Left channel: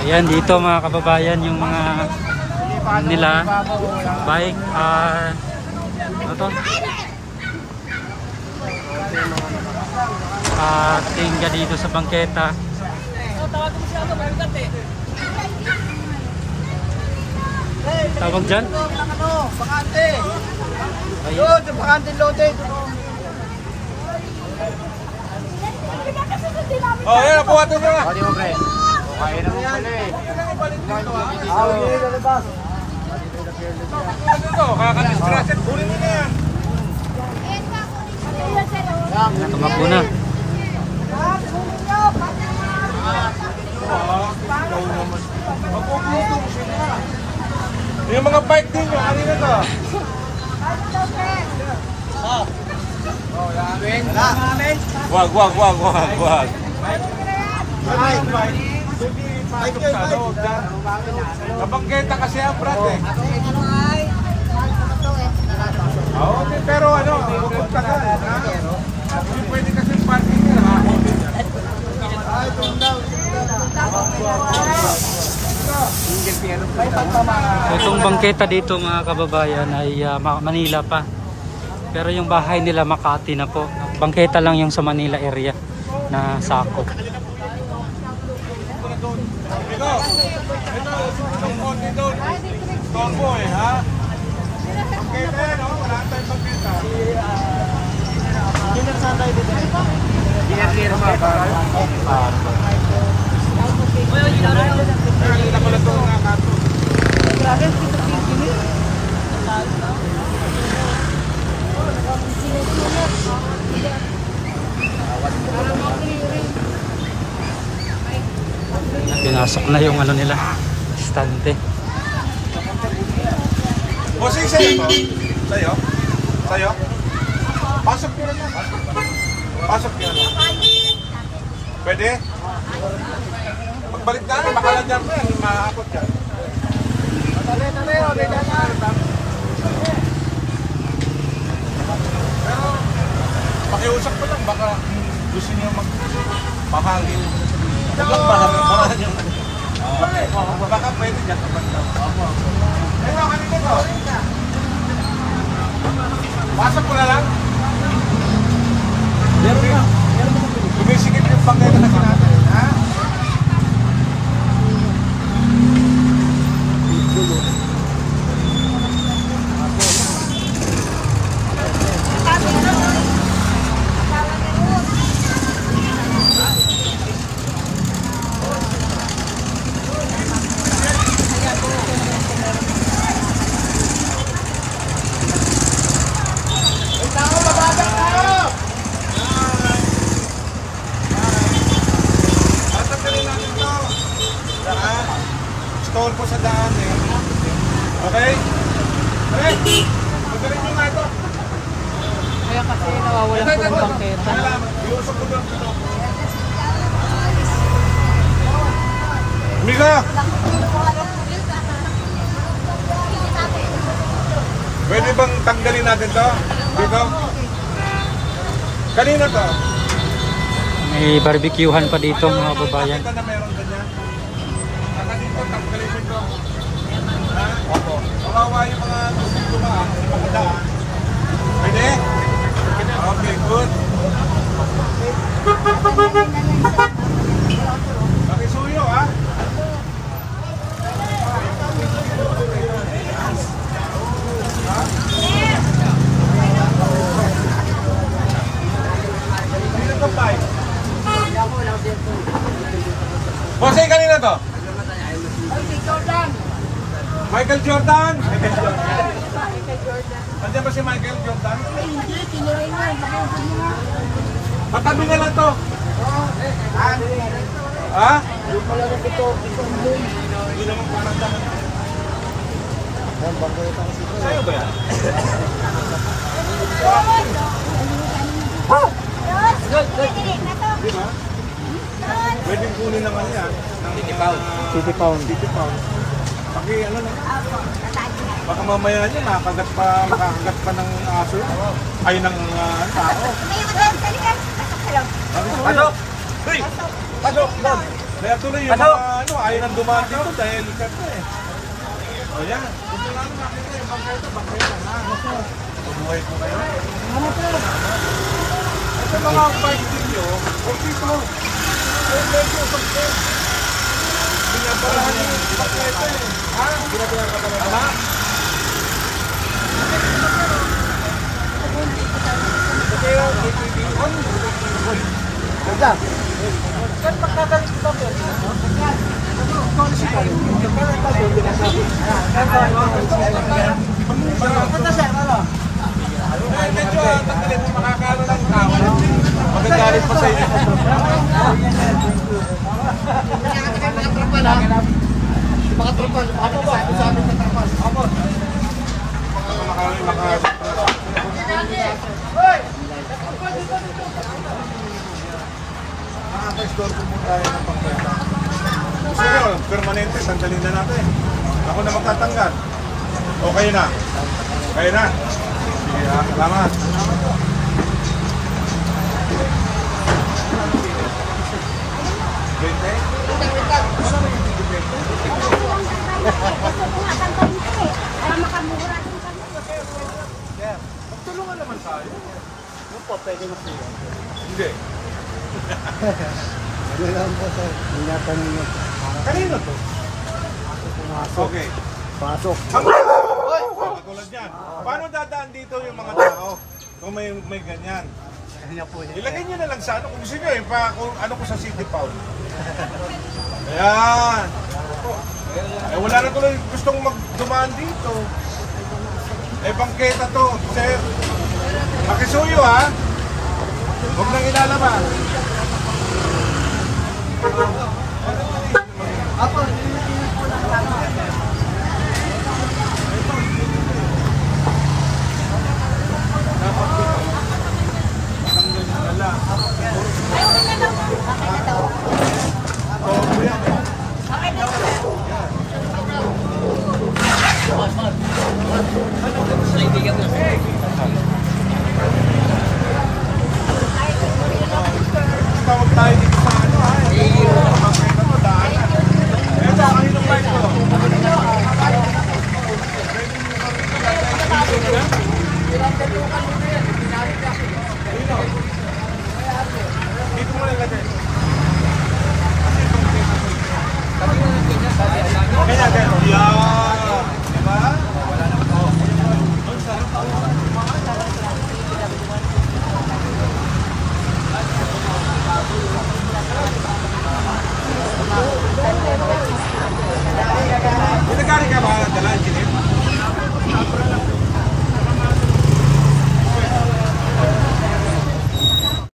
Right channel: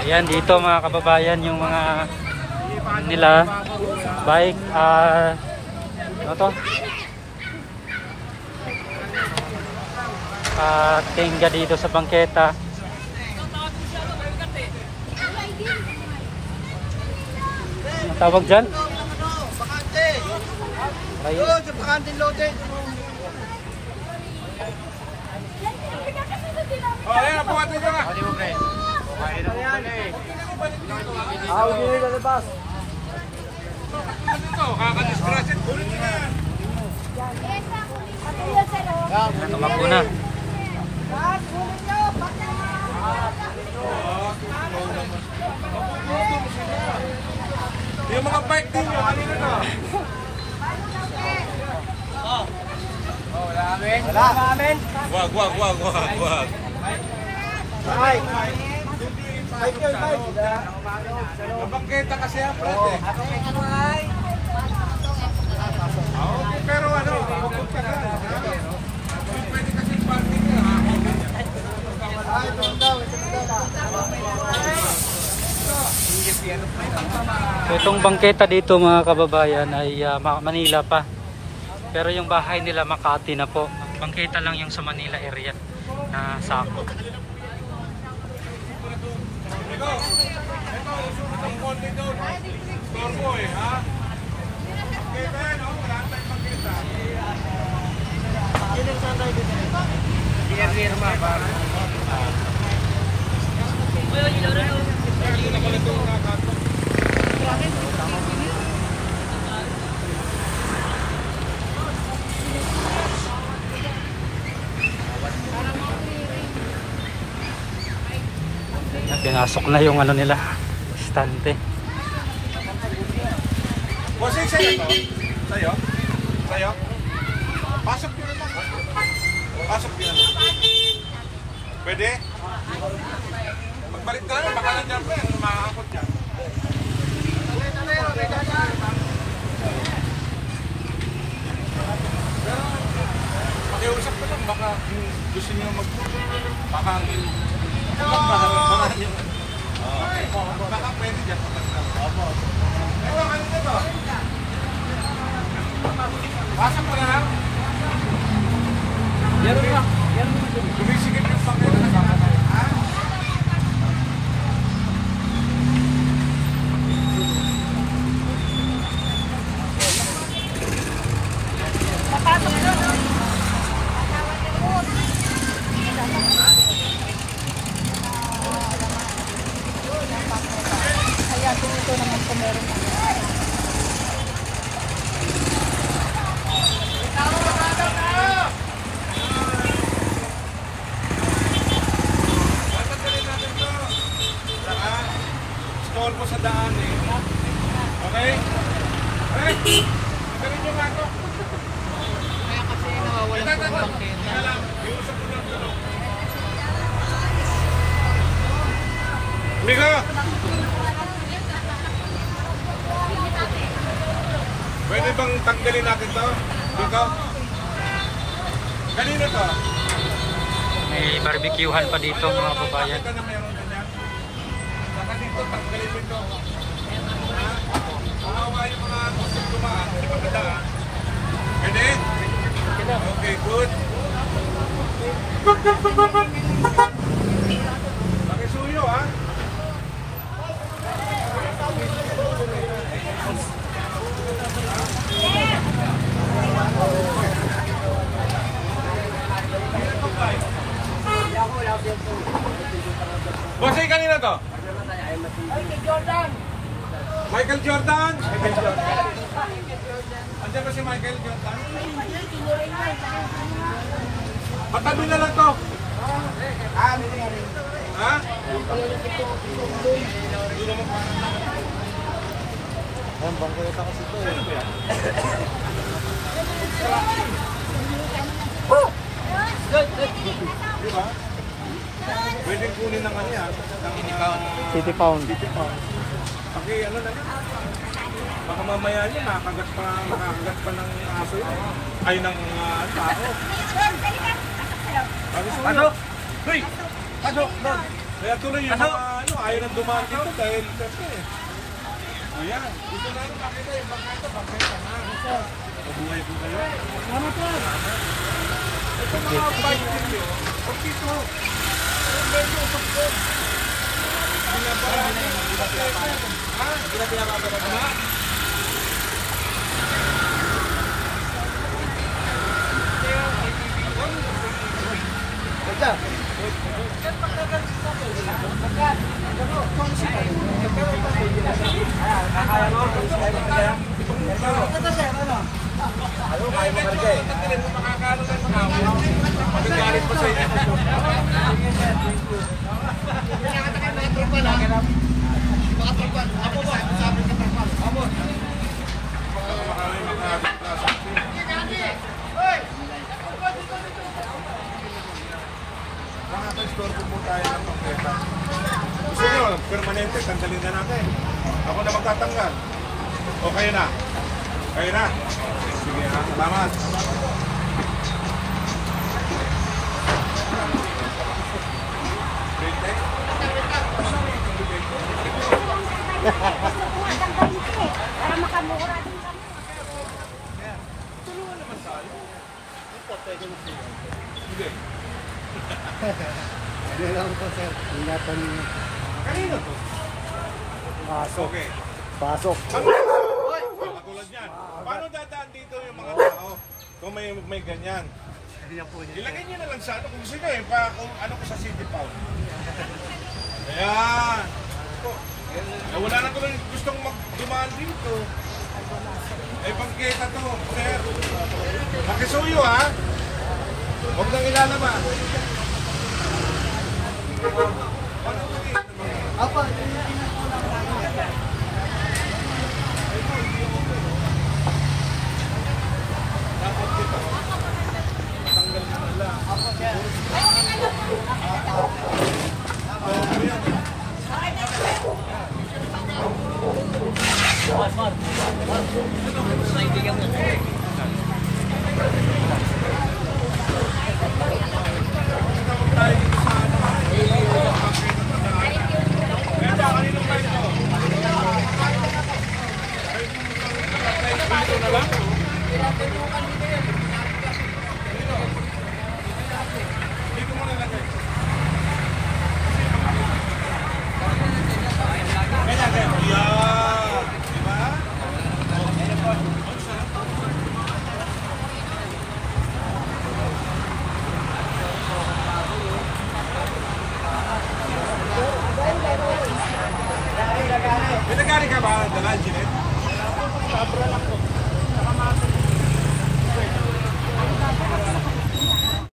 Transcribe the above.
Ayan, dito mga kababayan yung mga nila bike, ano to? Tingga dito sa bangketa. Tawag dyan? Oh, yan, nakuha ito ba? Tumakbo na. Yung mga bike din nyo, kanina ka? Wag. Nabangketa kasi ang brad eh. Pero ano, pupunta ka, ha? Hindi pwede kasi parking nyo, ha? So itong bangketa dito mga kababayan ay Manila pa. Pero yung bahay nila Makati na po. Bangketa lang yung sa Manila area na sakop. Ito, sumunod ko dito. Torbo eh, ha? Bangketa yan, oh. Wala tayong bangketa. Hindi na pala ito nakakato. Pinasok na yung ano nila, stante. Bossing, sa'yo po? Sa'yo? Pasok nyo na. Pasok nyo na. Pwede? Pagbalik namin, baka lang dyan po yan. Mahapot dyan. Pero, pakiusap ko lang. Baka gusto nyo magpahangin. Baka yung... Baka pwede dyan. Ito, kanina ito. Pasok ko na lang. Meron na. Sumisigit yung paketa na sinatay. Ha? Stall po sa daan eh. Okay? Okay? Ito rin yung nga ito. Kaya kasi nawawalan po ng bangketa. Kaya lang, iusok ko lang ito. Mika! Pwede bang tanggalin natin ito? Dito? Kanina to? May barbecuehan pa dito mga kababayan. Ito na meron ganyan. Naka dito, tanggalin mo ito. Ha? Kawawa yung mga gustong dumaan, yung mga daan. Pwede? Okay, good. Nakisuyo, ha? Bossing, kanina to? Michael Jordan! Andiyan ba si Michael Jordan? Hindi, tinuloy mo. Patabi na lang to. Ha? Yung pala lang ito boom. Hindi naman pananda. Sa'yo ba yan? Di ba? Pwedeng kunin ng ano yan? City Pound. Paki ano na yan? Baka mamaya niya makakagat pa ng aso yan. Ay ng tao. Ano? Hey! Pasok! Kaya tuloy yung mga ayaw nang dumaan dito dahil siyempre eh. O yan. Gusto namin makita yung bangketa. Mabuhay ko kayo. Ito mga fighting nyo. Huwag dito. Huwag medyo pagketa. Binabarahan nyo yung bangketa eh. Ha? Binabarahan ka pala. Tama? Kaya. Yan, pagkagalit ko ba pwede na? Medyo tanggalin mo makakalo ng tao. Magagalit pa sa iyo. Mga tropa, usapin sa tropa. Amo. Nakaka-store po tayo ng pangketa. Gusto nyo, permanente, tanggalin na natin. Ako na magtatanggal. Okay na. Kaya na. Sige ha, salamat. Bente? Magtulungan naman tayo. Yung po, pwede mo po. Hindi. Ano lang po sir, ingatan niyo. Kanino to? Pasok. Okay. Pasok. Katulad yan. Paano dadaan dito yung mga tao kung may ganyan? Ilagay nyo na lang sa ano. Kung gusto nyo eh, kung ano ko sa City Pound. Ayan. Eh, wala na tuloy gustong magdumaan dito. Eh, bangketa to, sir. Makisuyo ha. Huwag nang ilalabas. Apa, hindi po lang natin. Dapat dito. Tanggal mo na lang. Oo, mo yan eh. Tawag tayo dito sa ano ha. Okay na to, daanan. Kaya sa kaninong mic ko? Pwede nyo Dino? Dito mo nilagay. Kasi pangkita dito. Kanina nandiyan niya, sabi. Kaya, yeah. Diba? Wala naman tayo. Ang sarap. Nagkari ka ba? Dala, Jeanette?